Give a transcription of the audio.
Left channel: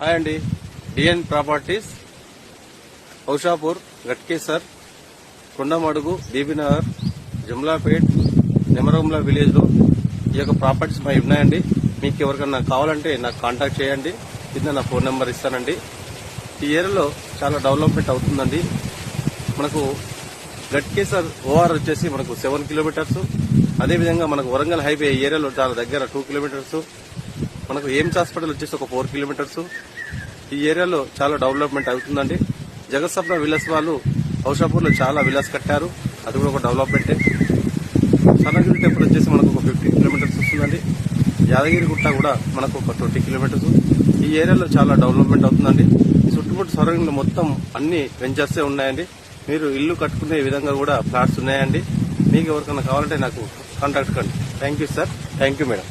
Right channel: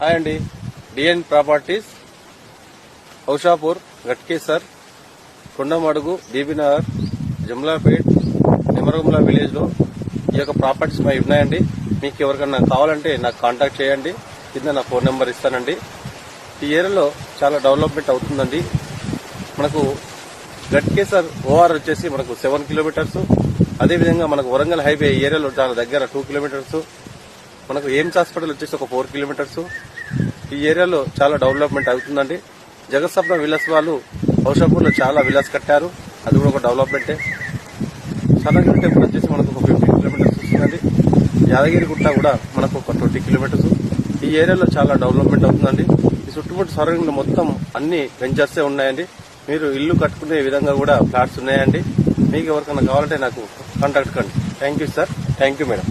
Hi అండి, డిఎన్ properties, Aushapur, Ghatkesar, Kondamadugu, డీబీనగర్, Jamlapet, నిమరగుంల village లో ఈ యొక్క ప్రాపర్టీస్ మా ఉన్నాయండి. మీకు ఎవరికన్నా కావాలంటే నాకు కాంటాక్ట్ చేయండి. కింద నా ఫోన్ నెంబర్ ఇస్తానండి. ఈ ఏరియాలో చాలా డెవలప్మెంట్ అవుతుందండి. మనకు గట్కేసర్ ఓఆర్ వచ్చేసి మనకు 7 కిలోమీటర్స్. అదేవిధంగా మనకు వరంగల్ హైవే ఏరియాలో చాలా దగ్గర 2 కిలోమీటర్స్. మనకు ఎయిమ్స్ హాస్పిటల్ వచ్చేసి ఒక 4 కిలోమీటర్స్. ఈ ఏరియాలో చాలా డెవలప్మెంట్ అవుతుందండి. జగత్సప్న విలాస్ వాళ్ళు ఔషాపూర్ లో చాలా విలాస్ కట్టారు. అది కూడా ఒక డెవలప్మెంటే. సనగిరి టెంపుల్ వచ్చేసి మనకు ఒక 15 కిలోమీటర్స్ వస్తుందండి. యాదగిరిగుట్ట కూడా మనకు ఒక 20 కిలోమీటర్స్. ఈ ఏరియాలో చాలా డెవలప్మెంట్ అవుతుందండి. ఈ చుట్టుముట్టు సరౌండింగ్ మొత్తం అన్ని వెంచర్సే ఉన్నాయండి. మీరు ఇల్లు కట్టుకునే విధంగా కూడా ఫ్లాట్స్ ఉన్నాయండి. మీకు ఎవరికైనా కావాలంటే నాకు కాంటాక్ట్ కండి. Thank you sir. Thank you madam.